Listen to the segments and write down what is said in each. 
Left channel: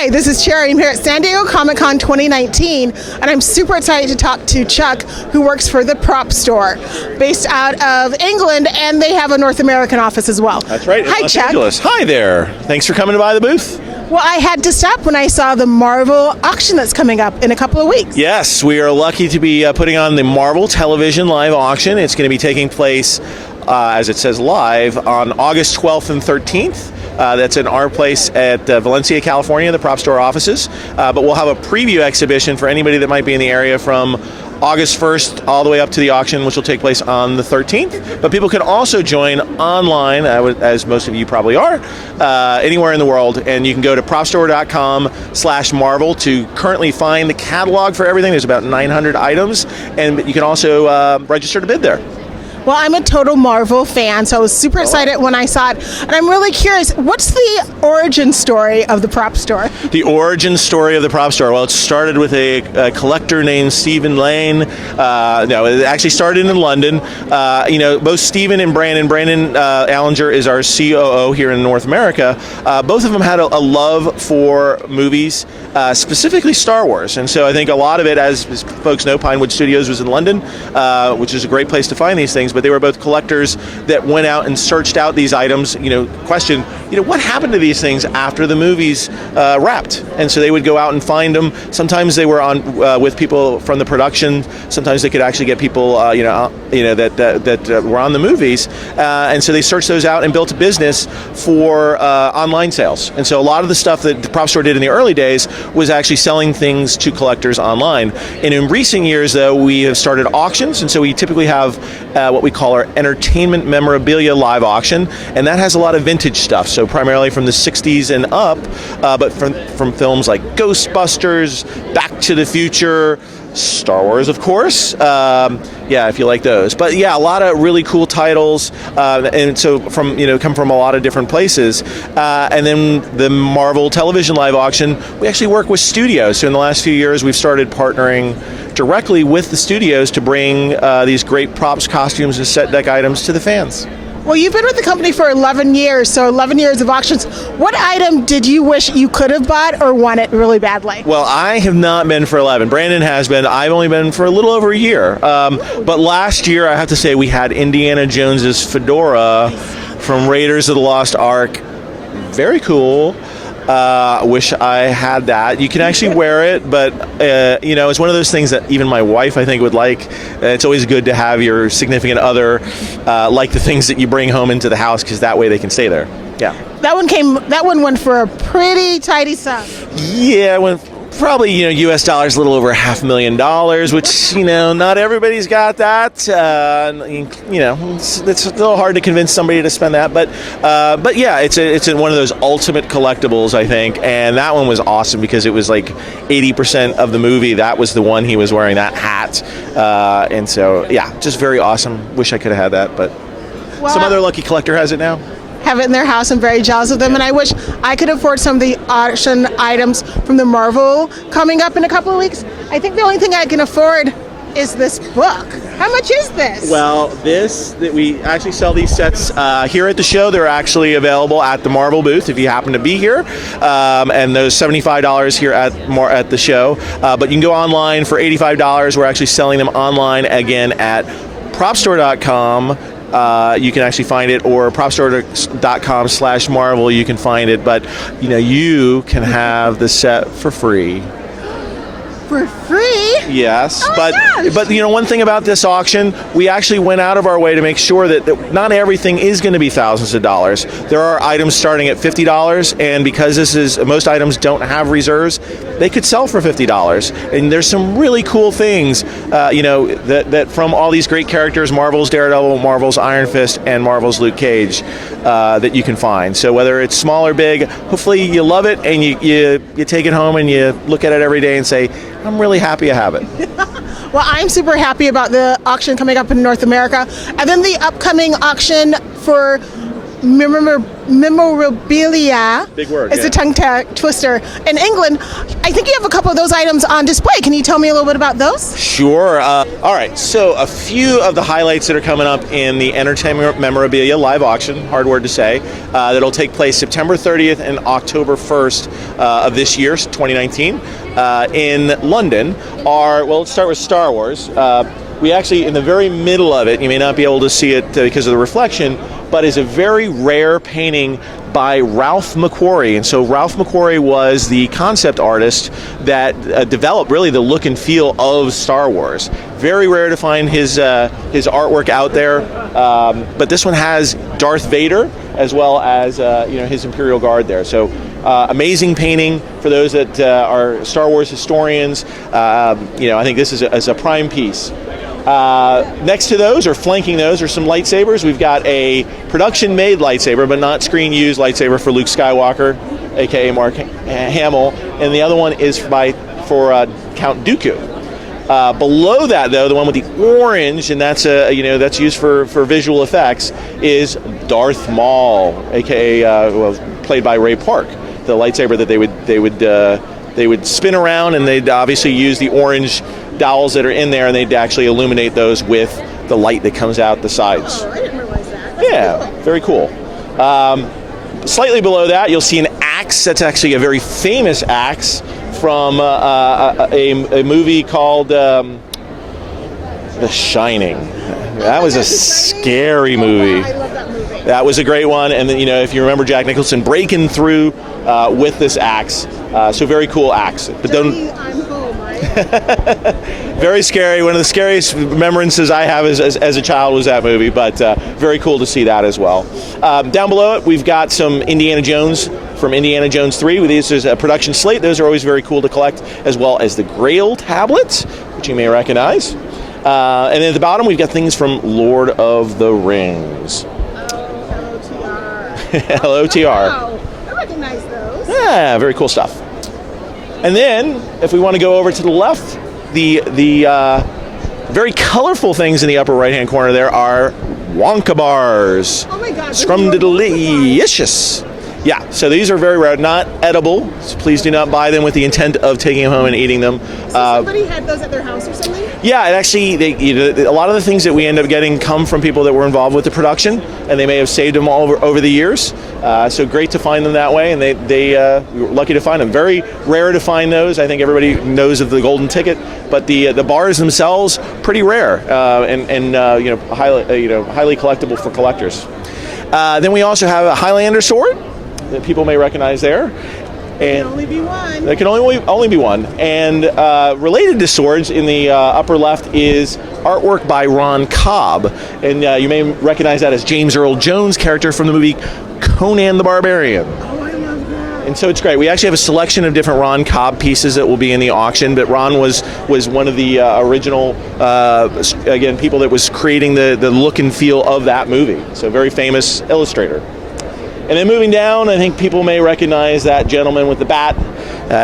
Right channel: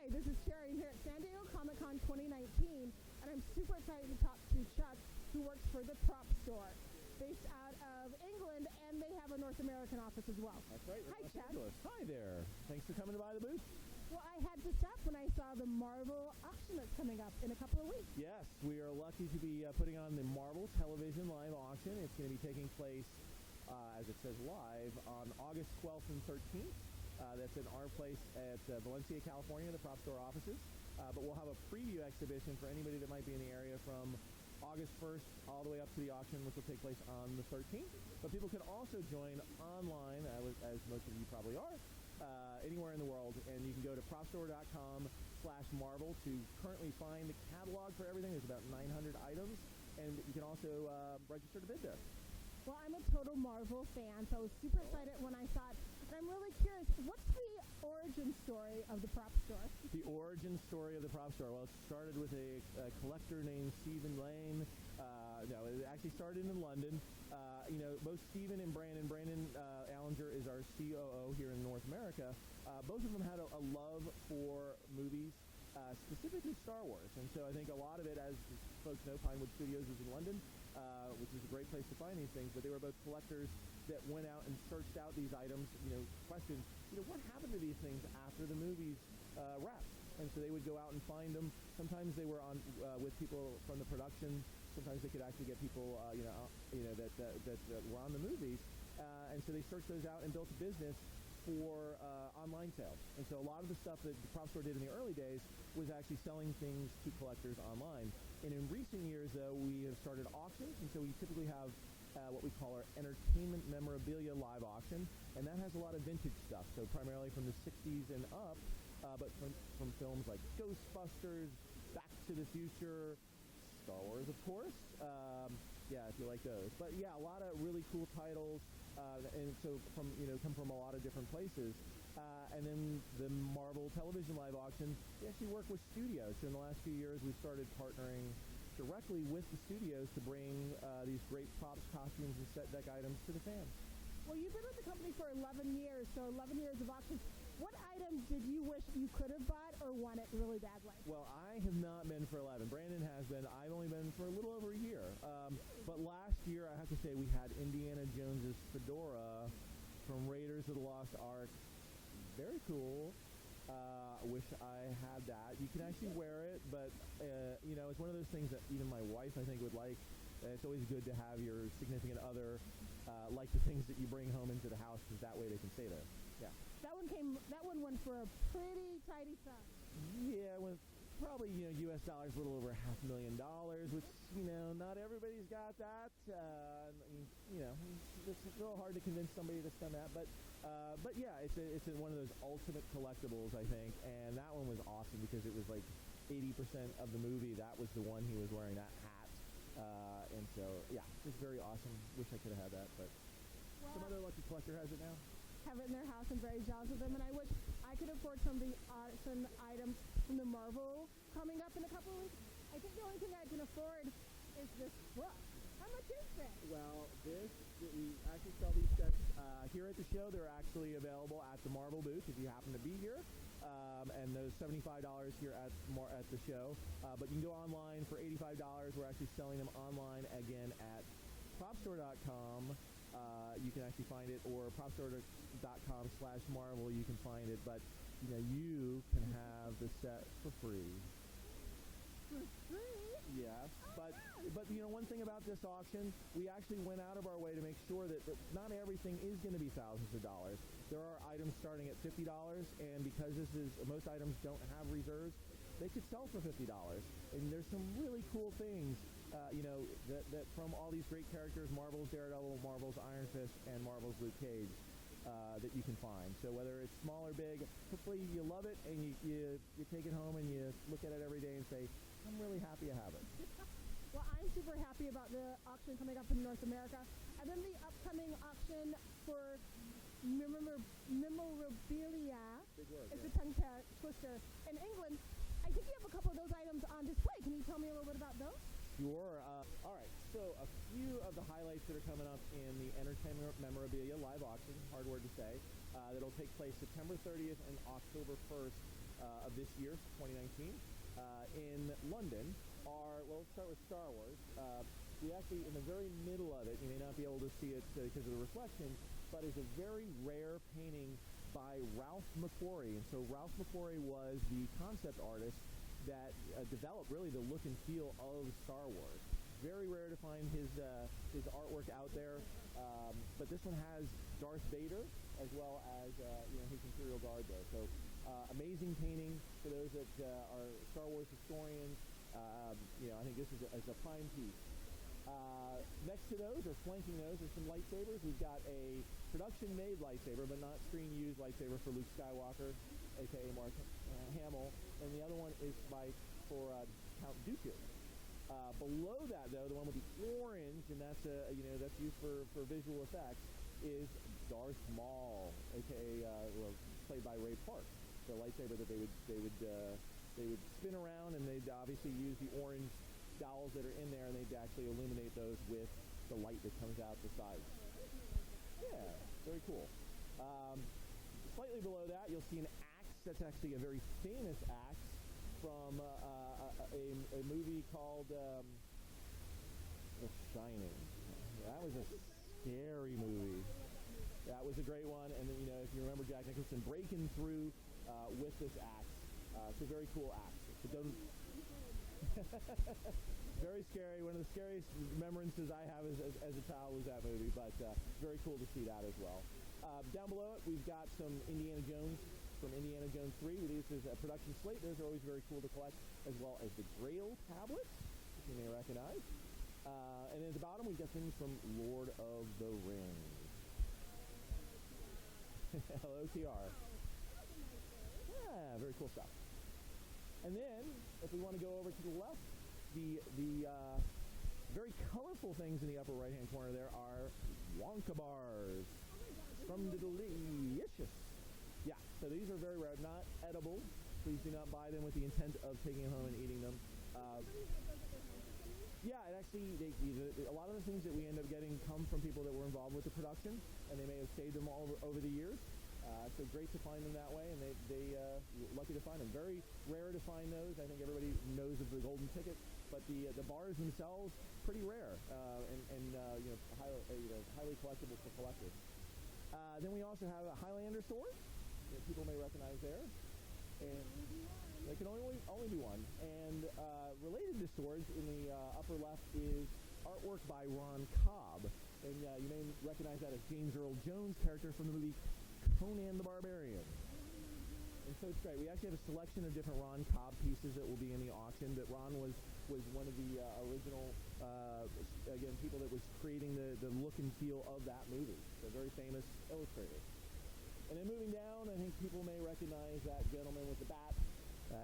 Hi, this is Cherry. I'm here at San Diego Comic-Con 2019, and I'm super excited to talk to Chuck, who works for the Prop Store, based out of England, and they have a North American office as well. That's right. Hi, Los Chuck. Angeles. Hi there. Thanks for coming by the booth. Well, I had to stop when I saw the Marvel auction that's coming up in a couple of weeks. Yes, we are lucky to be putting on the Marvel Television Live Auction. It's going to be taking place, as it says, live on August 12th and 13th. That's in our place at Valencia, California, the Prop Store offices. But we'll have a preview exhibition for anybody that might be in the area from August 1st all the way up to the auction, which will take place on the 13th. But people can also join online, as most of you probably are, anywhere in the world. And you can go to propstore.com/Marvel to currently find the catalog for everything. There's about 900 items. And you can also register to bid there. Well, I'm a total Marvel fan, so I was super excited when I saw it. And I'm really curious, what's the origin story of the Prop Store? The origin story of the Prop Store? Well, it started with a collector named Stephen Lane. No, it actually started in London. Both Stephen and Brandon Allinger is our COO here in North America. Both of them had a love for movies, specifically Star Wars. And so I think a lot of it, as folks know, Pinewood Studios was in London, which is a great place to find these things. But they were both collectors that went out and searched out these items, questioned, what happened to these things after the movies wrapped? And so they would go out and find them. Sometimes they were on with people from the production. Sometimes they could actually get people, that were on the movies. And so they searched those out and built a business for online sales. And so a lot of the stuff that the Prop Store did in the early days was actually selling things to collectors online. And in recent years, though, we have started auctions. And so we typically have what we call our entertainment memorabilia live auction, and that has a lot of vintage stuff, so primarily from the 60s and up, but from films like Ghostbusters, Back to the Future, Star Wars, of course, if you like those. But yeah, a lot of really cool titles, and so come from a lot of different places. And then the Marvel Television Live Auction, we actually work with studios. So in the last few years, we've started partnering directly with the studios to bring these great props, costumes, and set deck items to the fans. Well, you've been with the company for 11 years, so 11 years of auctions. What item did you wish you could have bought or wanted really badly? Well, I have not been for 11. Brandon has been. I've only been for a little over a year. But last year, I have to say, we had Indiana Jones's fedora from Raiders of the Lost Ark. Very cool. Wish I had that. You can actually wear it, but it's one of those things that even my wife, I think, would like. It's always good to have your significant other like the things that you bring home into the house, because that way they can stay there. Yeah. That one went for a pretty tidy sum. Yeah, it went probably, U.S. dollars, a little over $500,000, which, not everybody's got that. It's a little hard to convince somebody to spend that. But yeah, it's one of those ultimate collectibles, I think. And that one was awesome because it was like 80% of the movie. That was the one he was wearing, that hat. And so, yeah, just very awesome. Wish I could have had that, but some other lucky collector has it now. Have it in their house. I'm very jealous of them, and I wish I could afford some of the auction items from the Marvel coming up in a couple of weeks. I think the only thing I can afford is this book. How much is this? Well, we actually sell these sets here at the show. They're actually available at the Marvel booth if you happen to be here, and those $75 here at the show. But you can go online for $85. We're actually selling them online again at propstore.com. You can actually find it, or propstore.com/Marvel. You can find it, but you can have the set for free. For free? Yes, oh but one thing about this auction, we actually went out of our way to make sure that not everything is going to be thousands of dollars. There are items starting at $50, and because most items don't have reserves, they could sell for $50. And there's some really cool things, that from all these great characters, Marvel's Daredevil, Marvel's Iron Fist, and Marvel's Luke Cage, that you can find. So whether it's small or big, hopefully you love it and you take it home and you look at it every day and say, I'm really happy I have it. Well, I'm super happy about the auction coming up in North America. And then the upcoming auction for memorabilia. Big word, It's yeah. a tongue twister. In England, I think you have a couple of those items on display. Can you tell me a little bit about those? Sure. All right. So a few of the highlights that are coming up in the Entertainment Memorabilia live auction, hard word to say, that'll take place September 30th and October 1st of this year, 2019, in London are, well, let's start with Star Wars. We actually, in the very middle of it, you may not be able to see it because of the reflection, but is a very rare painting by Ralph McQuarrie. And so Ralph McQuarrie was the concept artist that developed really the look and feel of Star Wars. Very rare to find his artwork out there, but this one has Darth Vader as well as his Imperial Guard there. So amazing painting for those that are Star Wars historians. I think this is a prime piece. Next to those, or flanking those, are some lightsabers. We've got a production-made lightsaber, but not screen-used lightsaber for Luke Skywalker, aka Mark Hamill, and the other one is for Count Dooku. Below that, though, the one with the orange, and that's that's used for visual effects, is Darth Maul, aka played by Ray Park, the lightsaber that they would spin around, and they'd obviously use the orange dowels that are in there, and they'd actually illuminate those with the light that comes out the sides. Oh, I didn't realize that. That's cool. Very cool. Slightly below that, you'll see an axe. That's actually a very famous axe from a movie called The Shining. That was a scary movie. I love that movie. That was a great one. And then, if you remember Jack Nicholson breaking through with this axe. So very cool axe. But Johnny, I'm home, right? very scary. One of the scariest remembrances I have as a child was that movie, but very cool to see that as well. Down below it, we've got some Indiana Jones from Indiana Jones 3. This is a production slate. Those are always very cool to collect, as well as the Grail tablets, which you may recognize. And then at the bottom, we've got things from Lord of the Rings. LOTR. LOTR. Wow, I recognize those. Yeah, very cool stuff. And then, if we want to go over to the left, the very colorful things in the upper right-hand corner there are Wonka bars. Oh my God. Scrumdiddlyicious. Yeah, so these are very rare, not edible. So please do not buy them with the intent of taking them home and eating them. So somebody had those at their house or something? Yeah, it actually, a lot of the things that we end up getting come from people that were involved with the production, and they may have saved them all over the years. So great to find them that way, and we were lucky to find them. Very rare to find those. I think everybody knows of the golden ticket, but the bars themselves pretty rare and highly collectible for collectors. Then we also have a Highlander Sword that people may recognize there. There can only be one. There can only be one. And related to swords, in the upper left is artwork by Ron Cobb. And you may recognize that as James Earl Jones' character from the movie Conan the Barbarian. Oh, I love that. And so it's great. We actually have a selection of different Ron Cobb pieces that will be in the auction, but Ron was one of the original, people that was creating the look and feel of that movie. So very famous illustrator. And then moving down, I think people may recognize that gentleman with the bat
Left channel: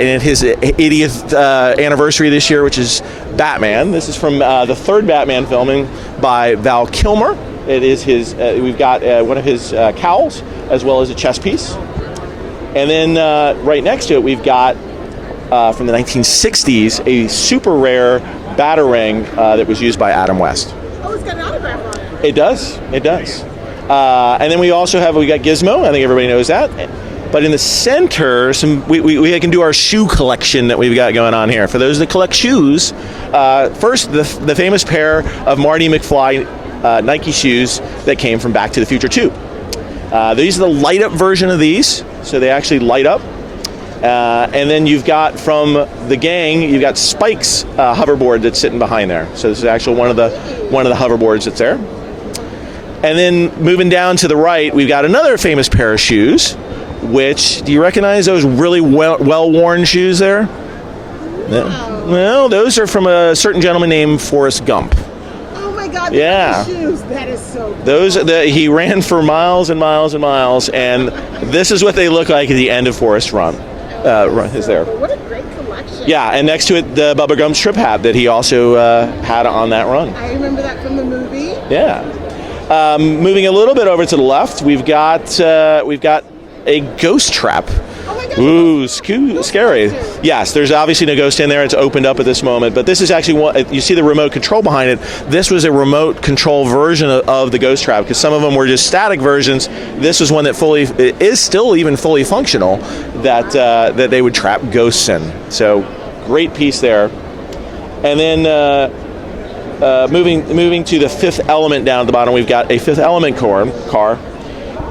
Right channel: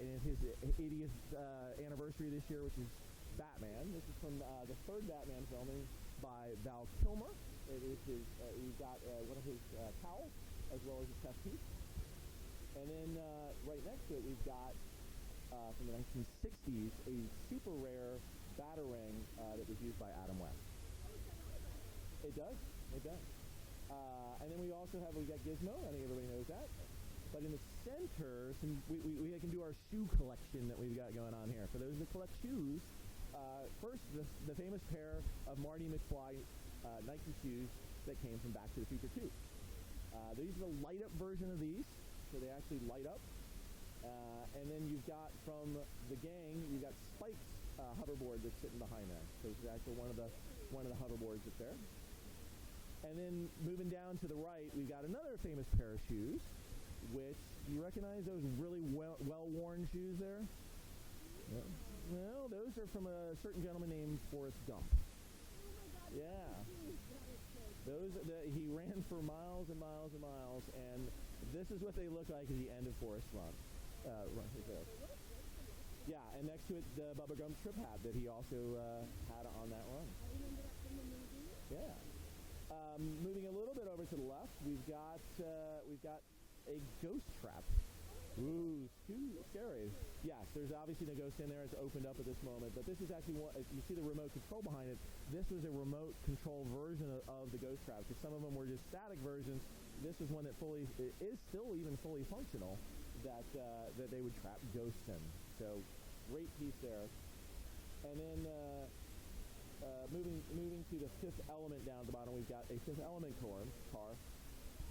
in his 80th anniversary this year, which is Batman. This is from the third Batman filming by Val Kilmer. It is his. We've got one of his cowls as well as a chess piece. And then right next to it, we've got from the 1960s a super rare Batarang that was used by Adam West. Oh, it's got an autograph on it. It does. It does. And then we got Gizmo. I think everybody knows that. But in the center, we can do our shoe collection that we've got going on here. For those that collect shoes, first the famous pair of Marty McFly Nike shoes that came from Back to the Future 2. These are the light-up version of these, so they actually light up. And then you've got from the gang, you've got Spike's hoverboard that's sitting behind there. So this is actually one of the hoverboards that's there. And then moving down to the right, we've got another famous pair of shoes, which, do you recognize those really well-worn shoes there? Wow. No, those are from a certain gentleman named Forrest Gump. Oh my God, Yeah. shoes. That is so cool. He ran for miles and miles and miles, and this is what they look like at the end of Forrest Run. Is there. What a great collection. Yeah, and next to it, the Bubba Gump trip hat that he also had on that run. I remember that from the movie. Yeah. Moving a little bit over to the left, we've got a ghost trap. Oh my gosh. Ooh, scary. Yes, there's obviously no ghost in there. It's opened up at this moment, but this is actually one. You see the remote control behind it. This was a remote control version of the ghost trap, because some of them were just static versions. This was one that is still even fully functional, that they would trap ghosts in. So great piece there. And then moving to the Fifth Element down at the bottom, we've got a Fifth Element car,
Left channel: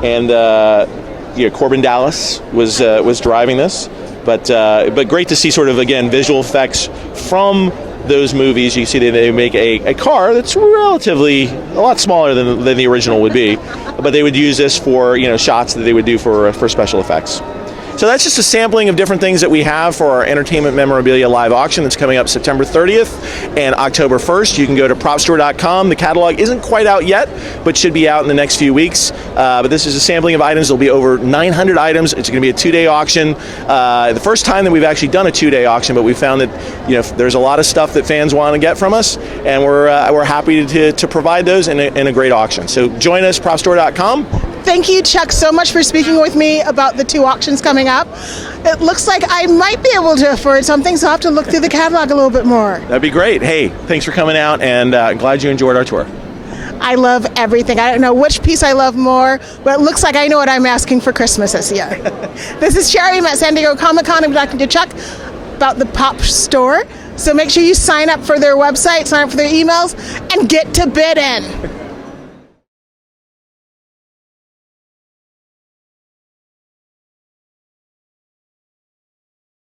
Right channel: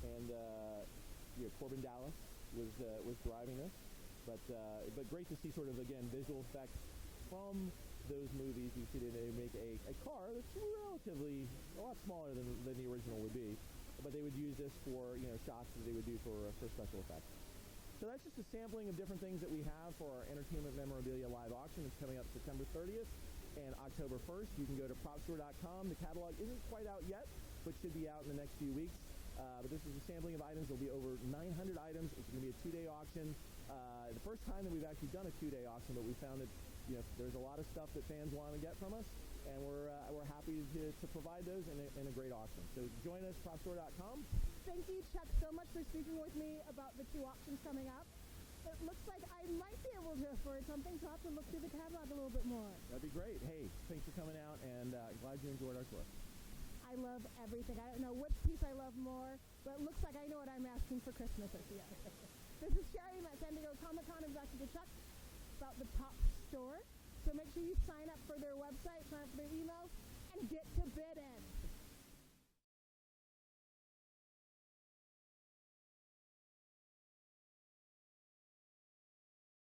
and. Corbin Dallas was driving this, but great to see sort of, again, visual effects from those movies. You see they make a car that's relatively a lot smaller than the original would be, but they would use this for shots that they would do for special effects. So that's just a sampling of different things that we have for our Entertainment Memorabilia live auction that's coming up September 30th and October 1st. You can go to propstore.com. The catalog isn't quite out yet, but should be out in the next few weeks. But this is a sampling of items. There'll be over 900 items. It's going to be a 2-day auction. The first time that we've actually done a 2-day auction, but we found that there's a lot of stuff that fans want to get from us, and we're happy to provide those in a great auction. So join us, propstore.com. Thank you, Chuck, so much for speaking with me about the 2 auctions coming up. It looks like I might be able to afford something, so I'll have to look through the catalog a little bit more. That'd be great. Hey, thanks for coming out, and glad you enjoyed our tour. I love everything. I don't know which piece I love more, but it looks like I know what I'm asking for Christmas this year. This is Cherry. I'm at San Diego Comic-Con. I'm talking to Chuck about the Pop Store. So make sure you sign up for their website, sign up for their emails, and get to bid in.